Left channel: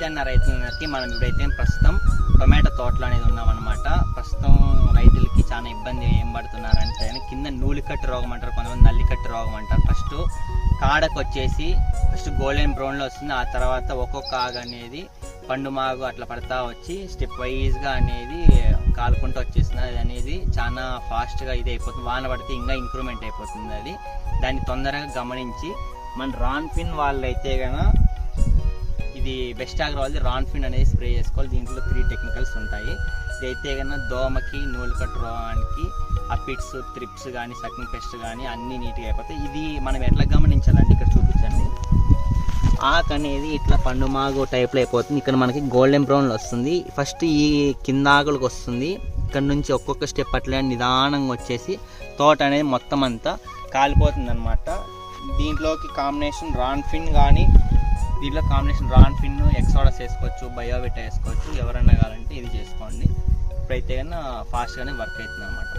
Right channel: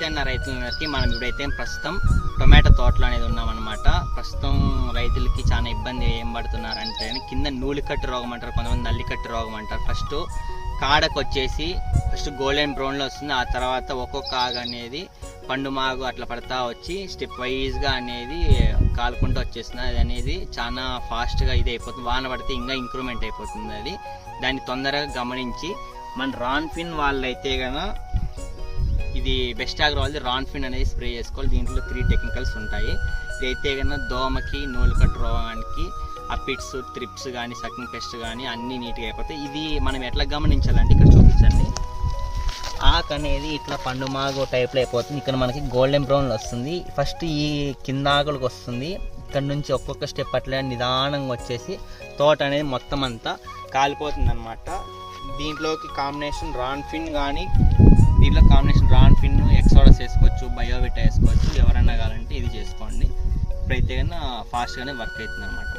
నమస్తే అన్న రైతులందరికీ. మనం ఇప్పుడైతే ప్రస్తుతం టొమాటో తోటలో అనేది ఉన్నామన్నమాట. ప్రస్తుతం రైతులకి చాలా ఇబ్బంది ఏం పడుతున్నారంటే కింద నూలికట్టు రోగం అంటారు, కొంతమంది నల్లికట్టు రోగం అంటారు. ఫస్ట్ కాడకు వచ్చేసి ఫస్ట్ గోల్డెన్ బ్రౌన్లో వస్తుంది, ఆ తర్వాత ఒక్కొక్క ఆకు అనేది పండు మాగు అట్లా పడతా వచ్చి స్టెప్ వైజ్గా అనేది కాలుకుంటూ వచ్చేస్తుంది. అది అనేది చాలా ఫాస్ట్గా ఇది అయిపోతుంది. వాన పడితే ఇంకా ఇంప్రూవ్మెంట్ అయిపోతుంది. అది దాన్ని తొందరగా గమనించి మన రాన్ఫిన్ వాళ్ళైతే కనుక ఇది బెస్ట్ ఆగ్రో వాళ్ళది రాన్ఫిన్ అనేది స్ప్రే చేసుకోవాలి. దీంట్లో 3 టెక్నికల్స్ ఉంటాయి. ఇదైతే కన్నా దోమకి నూలుకట్టు రోగానికి అపిడ్స్ త్రిప్స్ కానీ సకింగ్ పెస్ట్ కానీ అన్నీ నీట్గా అయిపోతాయి. ఇది మనం ఎట్లా గమనించాలంటే ఇక్కడ చూపించండి. ఆకు అనేది ఇట్లా పండు మాగు టైప్లో అయిపోతుంది. ఇక్కడ మనకి గోల్డెన్ బ్రౌన్లో వస్తుంది. ఫస్ట్ ఈ కింద ఆకులకు వస్తుంది. ఇక్కడ నుంచి ఒక్కొక్క స్టెప్ అట్లా నిదానంగా వచ్చేసి తోట అనేది మొత్తం అంతా కాలిపోతుంది అనమాట. దీంట్లోకి కాంబినేషన్ రాన్ఫిన్ కానీ దీంట్లో కాంబినేషన్ రాన్ఫిన్ ఎక్సోడస్ వేసుకోవచ్చు, బయోవిటా వేసుకోవచ్చు. ఎవరన్నా కావాలంటే ఇది చేసుకోండి. ఇప్పుడైతే కన్నా ఫాస్ట్గానే వర్క్ అవుతుంది అనమాట.